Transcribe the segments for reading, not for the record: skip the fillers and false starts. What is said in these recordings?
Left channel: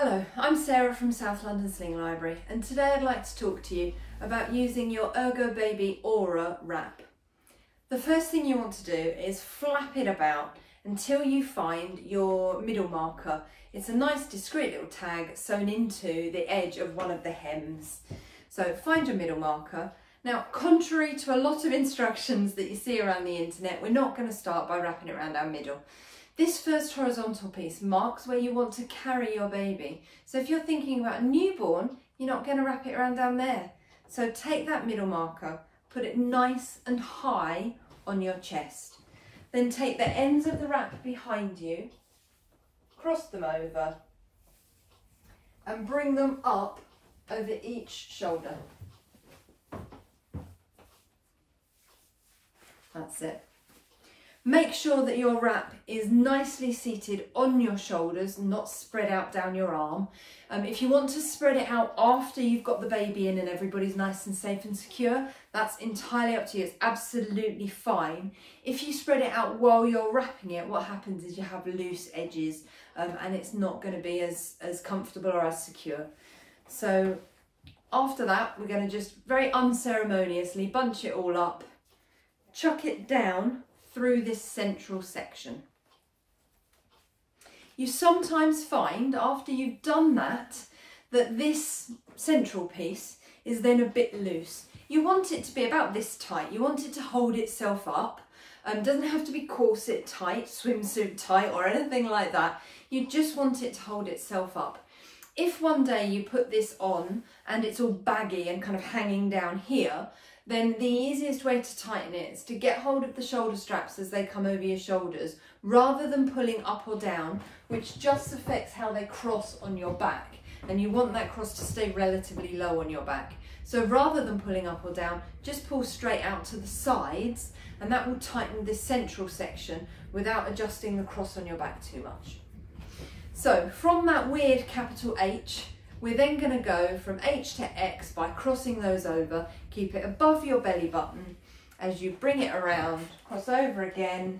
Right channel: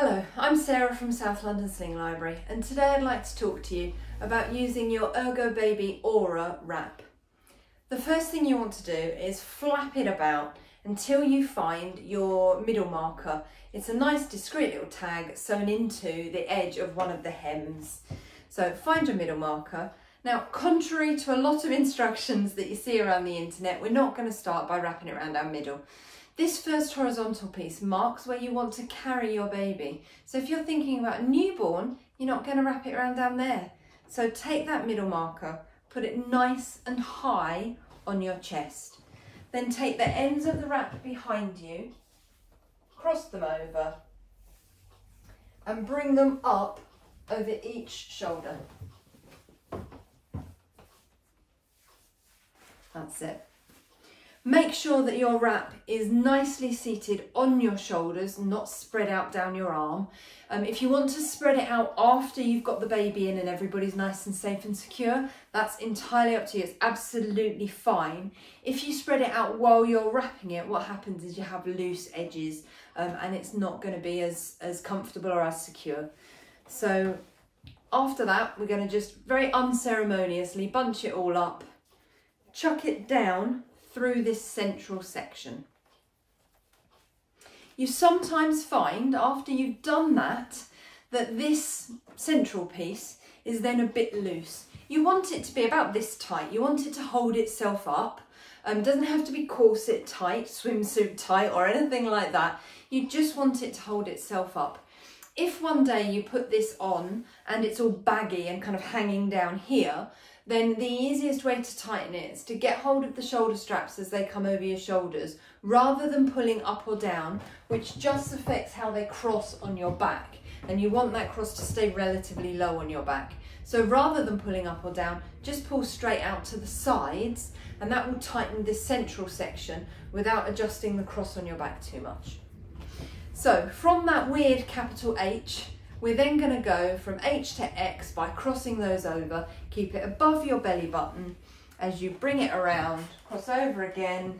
Hello, I'm Sarah from South London Sling Library, and today I'd like to talk to you about using your ErgoBaby Aura Wrap. The first thing you want to do is flap it about until you find your middle marker. It's a nice discreet little tag sewn into the edge of one of the hems. So find your middle marker. Now, contrary to a lot of instructions that you see around the internet, we're not going to start by wrapping it around our middle. This first horizontal piece marks where you want to carry your baby. So if you're thinking about a newborn, you're not going to wrap it around down there. So take that middle marker, put it nice and high on your chest. Then take the ends of the wrap behind you, cross them over, and bring them up over each shoulder. That's it. Make sure that your wrap is nicely seated on your shoulders, not spread out down your arm. If you want to spread it out after you've got the baby in and everybody's nice and safe and secure, that's entirely up to you. It's absolutely fine. If you spread it out while you're wrapping it, what happens is you have loose edges and it's not going to be as comfortable or as secure. So after that, we're going to just very unceremoniously bunch it all up, chuck it down through this central section. You sometimes find after you've done that this central piece is then a bit loose. You want it to be about this tight. You want it to hold itself up. It doesn't have to be corset tight, swimsuit tight or anything like that. You just want it to hold itself up. If one day you put this on and it's all baggy and kind of hanging down here, then the easiest way to tighten it is to get hold of the shoulder straps as they come over your shoulders, rather than pulling up or down, which just affects how they cross on your back. And you want that cross to stay relatively low on your back. So rather than pulling up or down, just pull straight out to the sides, and that will tighten this central section without adjusting the cross on your back too much. So from that weird capital H, we're then going to go from H to X by crossing those over. Keep it above your belly button as you bring it around, cross over again,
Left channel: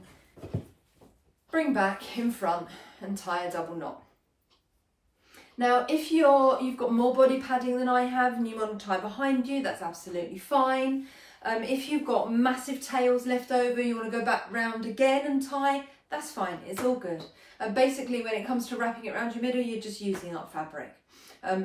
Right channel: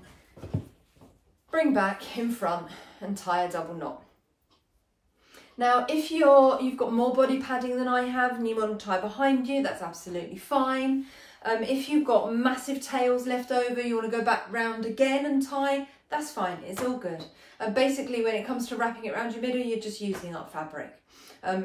bring back in front and tie a double knot. Now, if you've got more body padding than I have and you want to tie behind you, that's absolutely fine. If you've got massive tails left over, you want to go back round again and tie, that's fine, it's all good. Basically, when it comes to wrapping it around your middle, you're just using up fabric.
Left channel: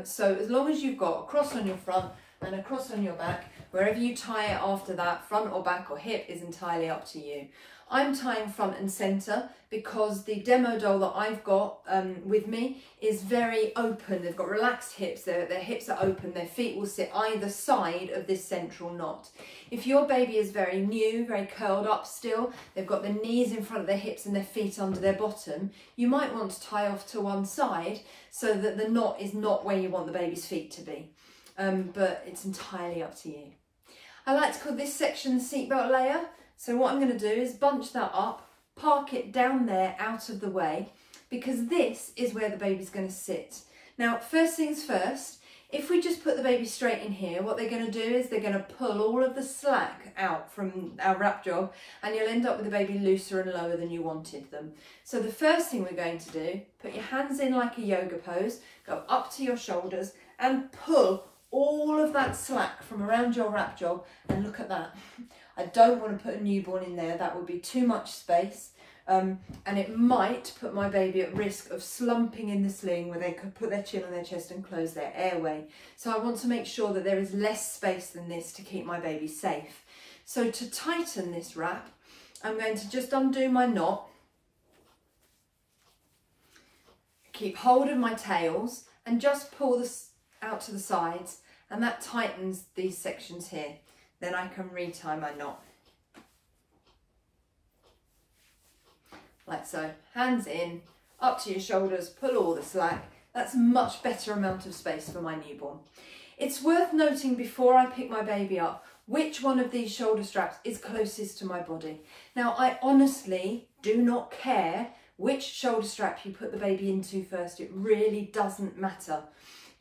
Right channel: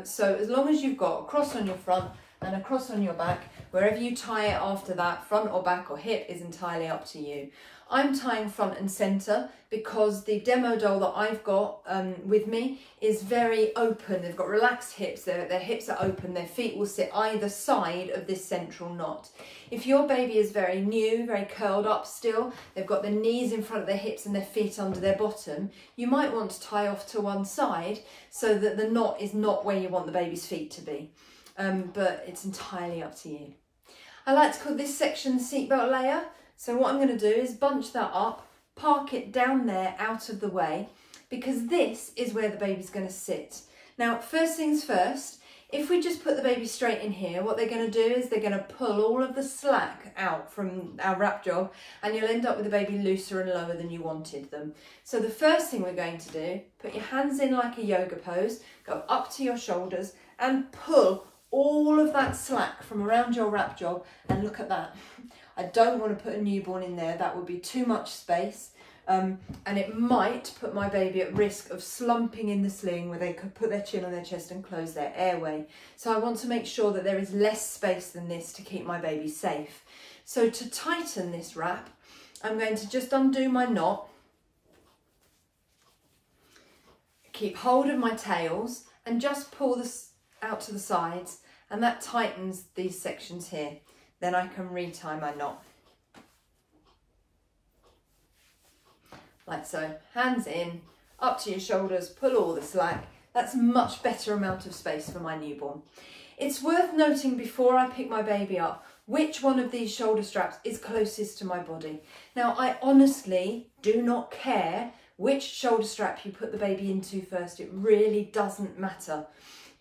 So as long as you've got a cross on your front and a cross on your back, wherever you tie it after that, front or back or hip, is entirely up to you. I'm tying front and centre because the demo doll that I've got with me is very open. They've got relaxed hips, their hips are open, their feet will sit either side of this central knot. If your baby is very new, very curled up still, they've got their knees in front of their hips and their feet under their bottom, you might want to tie off to one side so that the knot is not where you want the baby's feet to be. But it's entirely up to you. I like to call this section the seatbelt layer. So what I'm going to do is bunch that up, park it down there out of the way, because this is where the baby's going to sit. Now, first things first, if we just put the baby straight in here, what they're going to do is they're going to pull all of the slack out from our wrap job, and you'll end up with the baby looser and lower than you wanted them. So the first thing we're going to do, put your hands in like a yoga pose, go up to your shoulders and pull all of that slack from around your wrap job, and look at that. I don't want to put a newborn in there, that would be too much space. And it might put my baby at risk of slumping in the sling where they could put their chin on their chest and close their airway. So I want to make sure that there is less space than this to keep my baby safe. So to tighten this wrap, I'm going to just undo my knot, keep hold of my tails and just pull this out to the sides, and that tightens these sections here. Then I can retie my knot. Like so, hands in, up to your shoulders, pull all the slack. That's a much better amount of space for my newborn. It's worth noting before I pick my baby up, which one of these shoulder straps is closest to my body. Now, I honestly do not care which shoulder strap you put the baby into first. It really doesn't matter.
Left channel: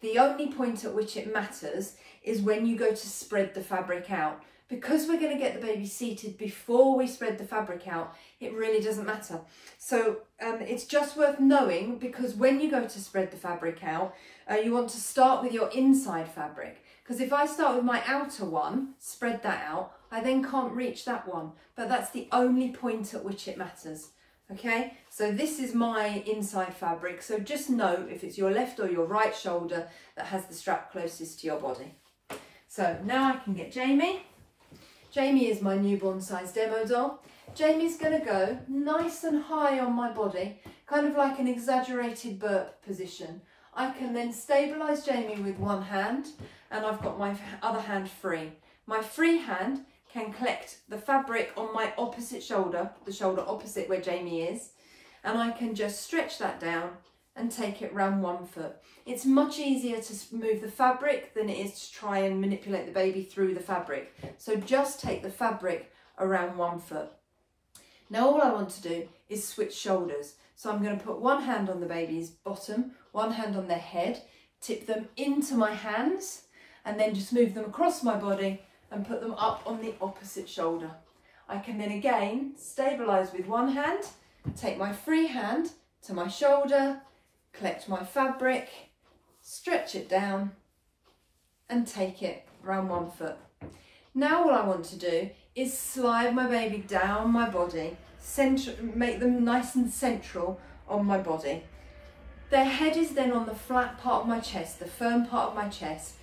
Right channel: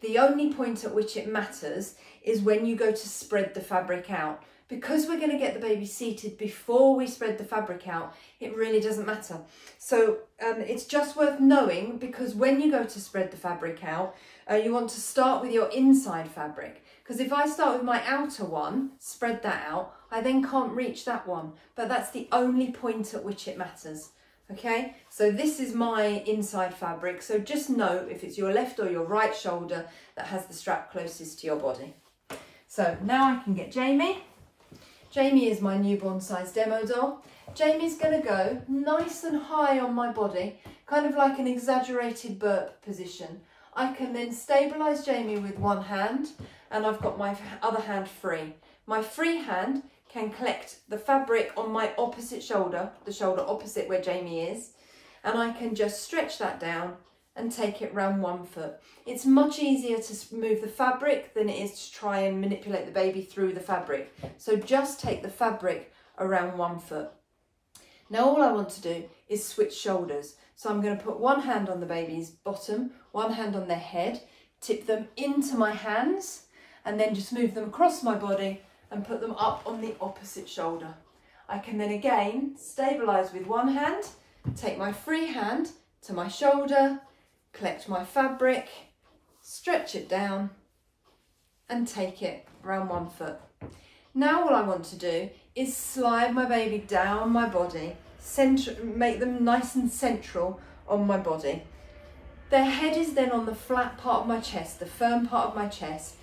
The only point at which it matters is when you go to spread the fabric out, because we're going to get the baby seated before we spread the fabric out, it really doesn't matter. So it's just worth knowing, because when you go to spread the fabric out, you want to start with your inside fabric. Because if I start with my outer one, spread that out, I then can't reach that one. But that's the only point at which it matters. Okay, so this is my inside fabric. So just know if it's your left or your right shoulder that has the strap closest to your body. So now I can get Jamie. Jamie is my newborn size demo doll. Jamie's going to go nice and high on my body, kind of like an exaggerated burp position. I can then stabilise Jamie with one hand, and I've got my other hand free. My free hand can collect the fabric on my opposite shoulder, the shoulder opposite where Jamie is, and I can just stretch that down and take it round 1 foot. It's much easier to move the fabric than it is to try and manipulate the baby through the fabric. So just take the fabric around 1 foot. Now all I want to do is switch shoulders. So I'm going to put one hand on the baby's bottom, one hand on their head, tip them into my hands, and then just move them across my body and put them up on the opposite shoulder. I can then again stabilise with one hand, take my free hand to my shoulder, collect my fabric, stretch it down and take it around 1 foot. Now all I want to do is slide my baby down my body, make them nice and central on my body. Their head is then on the flat part of my chest, the firm part of my chest.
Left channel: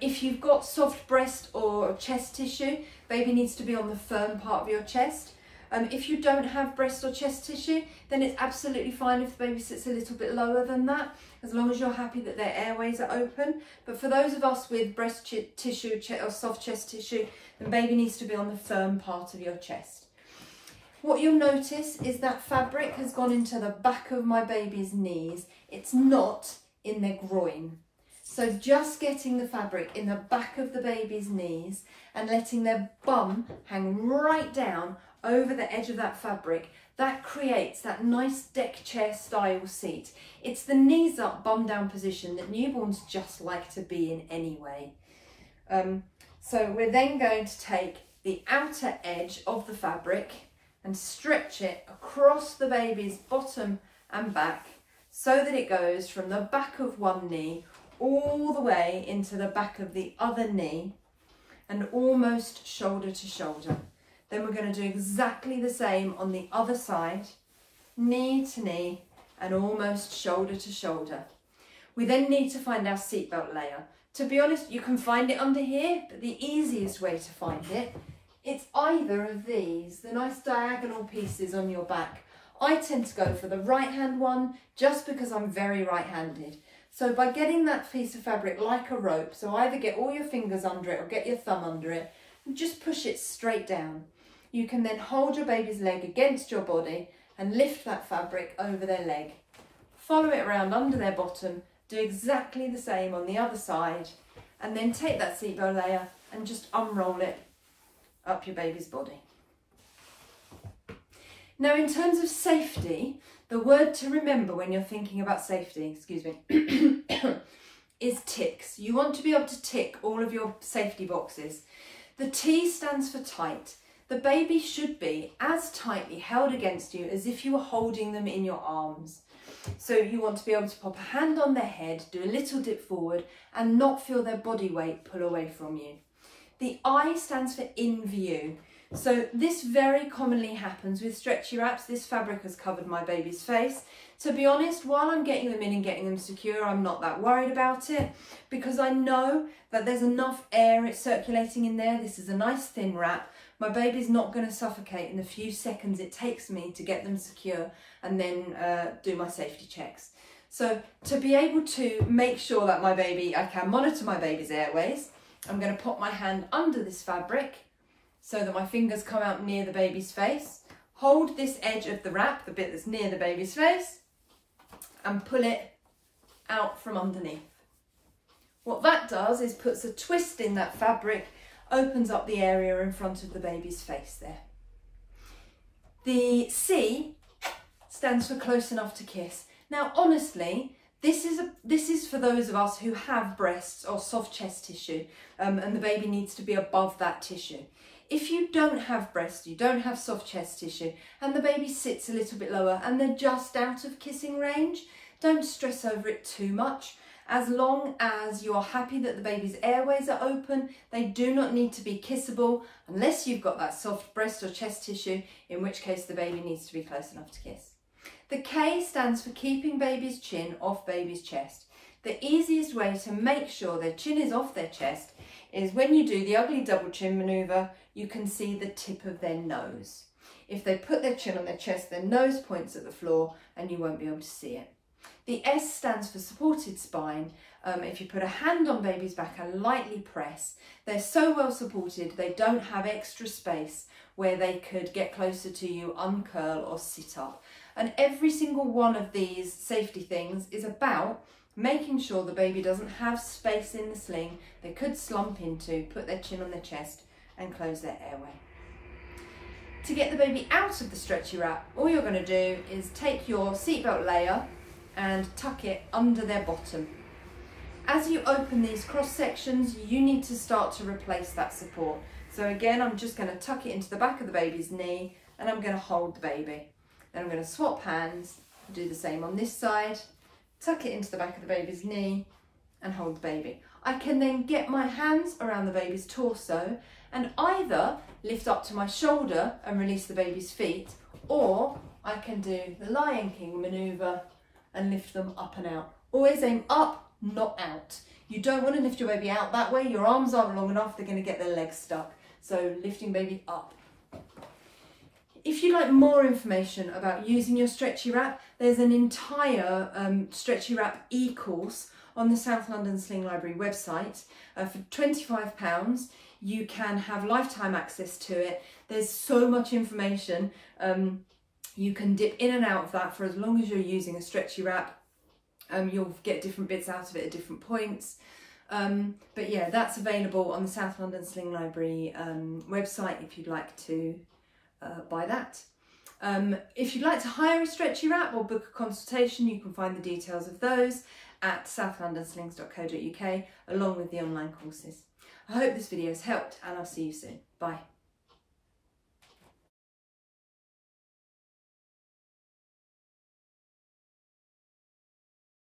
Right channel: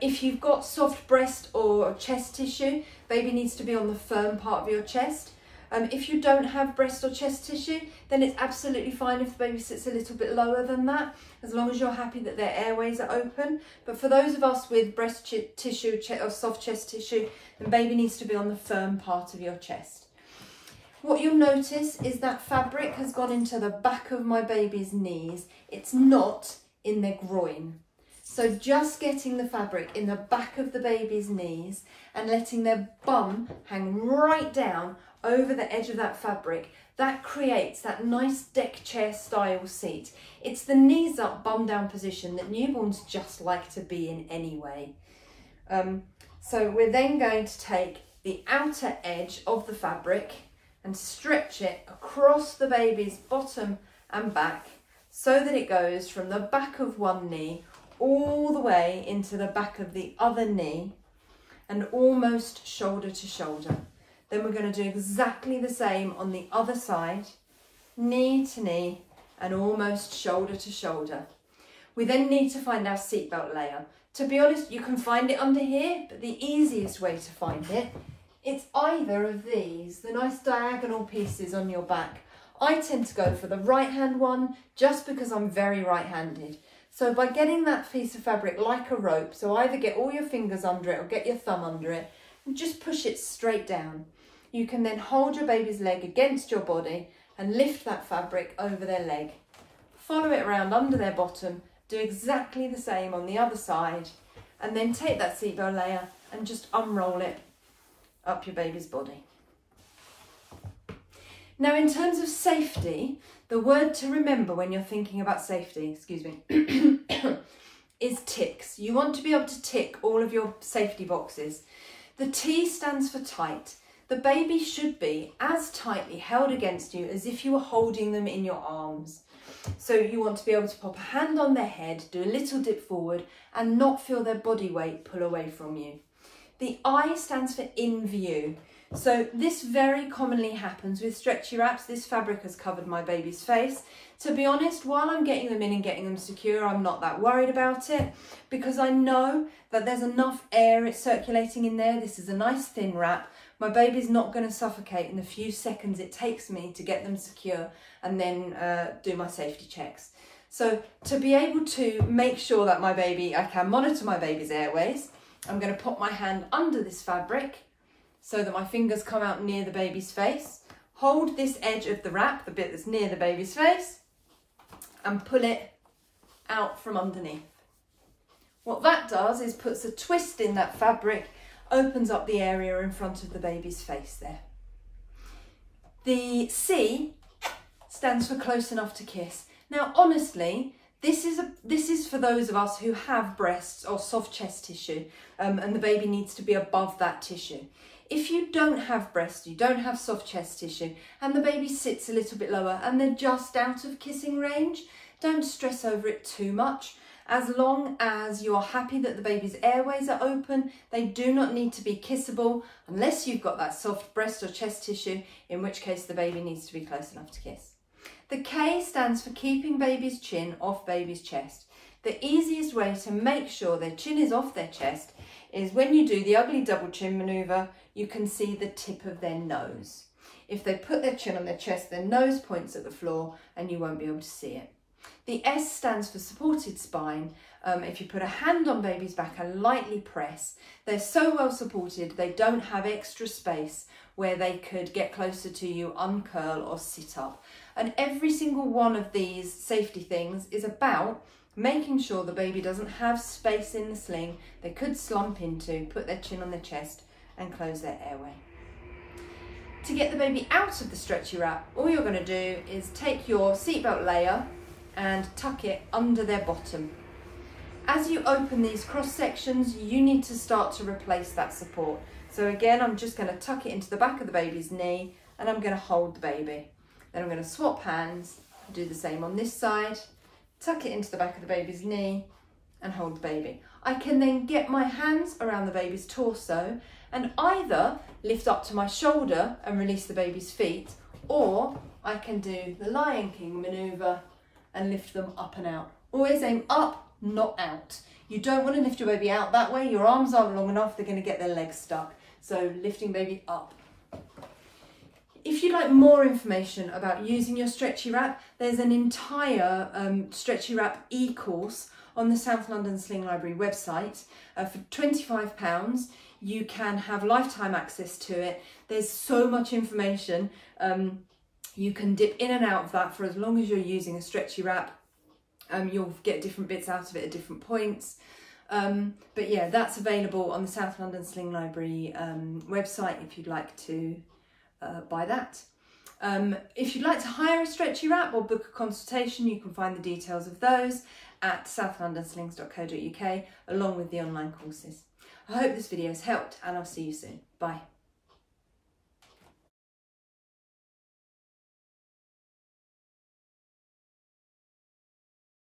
If you've got soft breast or chest tissue, baby needs to be on the firm part of your chest. If you don't have breast or chest tissue, then it's absolutely fine if the baby sits a little bit lower than that, as long as you're happy that their airways are open. But for those of us with breast tissue or soft chest tissue, then baby needs to be on the firm part of your chest. What you'll notice is that fabric has gone into the back of my baby's knees. It's not in their groin. So just getting the fabric in the back of the baby's knees and letting their bum hang right down over the edge of that fabric, that creates that nice deck chair style seat. It's the knees up, bum down position that newborns just like to be in anyway. So we're then going to take the outer edge of the fabric and stretch it across the baby's bottom and back so that it goes from the back of one knee all the way into the back of the other knee and almost shoulder to shoulder. Then we're going to do exactly the same on the other side, knee to knee and almost shoulder to shoulder. We then need to find our seatbelt layer. To be honest, you can find it under here, but the easiest way to find it, it's either of these, the nice diagonal pieces on your back. I tend to go for the right hand one just because I'm very right-handed. So by getting that piece of fabric like a rope, so either get all your fingers under it or get your thumb under it, and just push it straight down. You can then hold your baby's leg against your body and lift that fabric over their leg. Follow it around under their bottom, do exactly the same on the other side, and then take that seatbelt layer and just unroll it up your baby's body. Now in terms of safety, the word to remember when you're thinking about safety, is ticks. You want to be able to tick all of your safety boxes. The T stands for tight. The baby should be as tightly held against you as if you were holding them in your arms. So you want to be able to pop a hand on their head, do a little dip forward and not feel their body weight pull away from you. The I stands for in view. So this very commonly happens with stretchy wraps. This fabric has covered my baby's face. To be honest, while I'm getting them in and getting them secure, I'm not that worried about it because I know that there's enough air circulating in there. This is a nice thin wrap. My baby's not going to suffocate in the few seconds it takes me to get them secure and then do my safety checks. So to be able to make sure that I can monitor my baby's airways, I'm going to put my hand under this fabric so that my fingers come out near the baby's face. Hold this edge of the wrap, the bit that's near the baby's face, and pull it out from underneath. What that does is puts a twist in that fabric, opens up the area in front of the baby's face there. The C stands for close enough to kiss. Now honestly, This is for those of us who have breasts or soft chest tissue, and the baby needs to be above that tissue. If you don't have breasts, you don't have soft chest tissue, and the baby sits a little bit lower and they're just out of kissing range, don't stress over it too much. As long as you're happy that the baby's airways are open, they do not need to be kissable unless you've got that soft breast or chest tissue, in which case the baby needs to be close enough to kiss. The K stands for keeping baby's chin off baby's chest. The easiest way to make sure their chin is off their chest is when you do the ugly double chin manoeuvre, you can see the tip of their nose. If they put their chin on their chest, their nose points at the floor and you won't be able to see it. The S stands for supported spine. If you put a hand on baby's back and lightly press, they're so well supported they don't have extra space where they could get closer to you, uncurl or sit up. And every single one of these safety things is about making sure the baby doesn't have space in the sling they could slump into, put their chin on their chest and close their airway. To get the baby out of the stretchy wrap, all you're going to do is take your seatbelt layer and tuck it under their bottom. As you open these cross sections, you need to start to replace that support. So again, I'm just going to tuck it into the back of the baby's knee and I'm going to hold the baby. Then I'm going to swap hands, do the same on this side, tuck it into the back of the baby's knee and hold the baby. I can then get my hands around the baby's torso and either lift up to my shoulder and release the baby's feet, or I can do the Lion King manoeuvre and lift them up and out. Always aim up, not out. You don't want to lift your baby out that way. Your arms aren't long enough, they're going to get their legs stuck. So lifting baby up. If you'd like more information about using your stretchy wrap, there's an entire stretchy wrap e-course on the South London Sling Library website. For £25, you can have lifetime access to it. There's so much information. You can dip in and out of that for as long as you're using a stretchy wrap. You'll get different bits out of it at different points. But yeah, that's available on the South London Sling Library website if you'd like to buy that. If you'd like to hire a stretchy wrap or book a consultation, you can find the details of those at southlondonslings.co.uk along with the online courses. I hope this video has helped and I'll see you soon. Bye.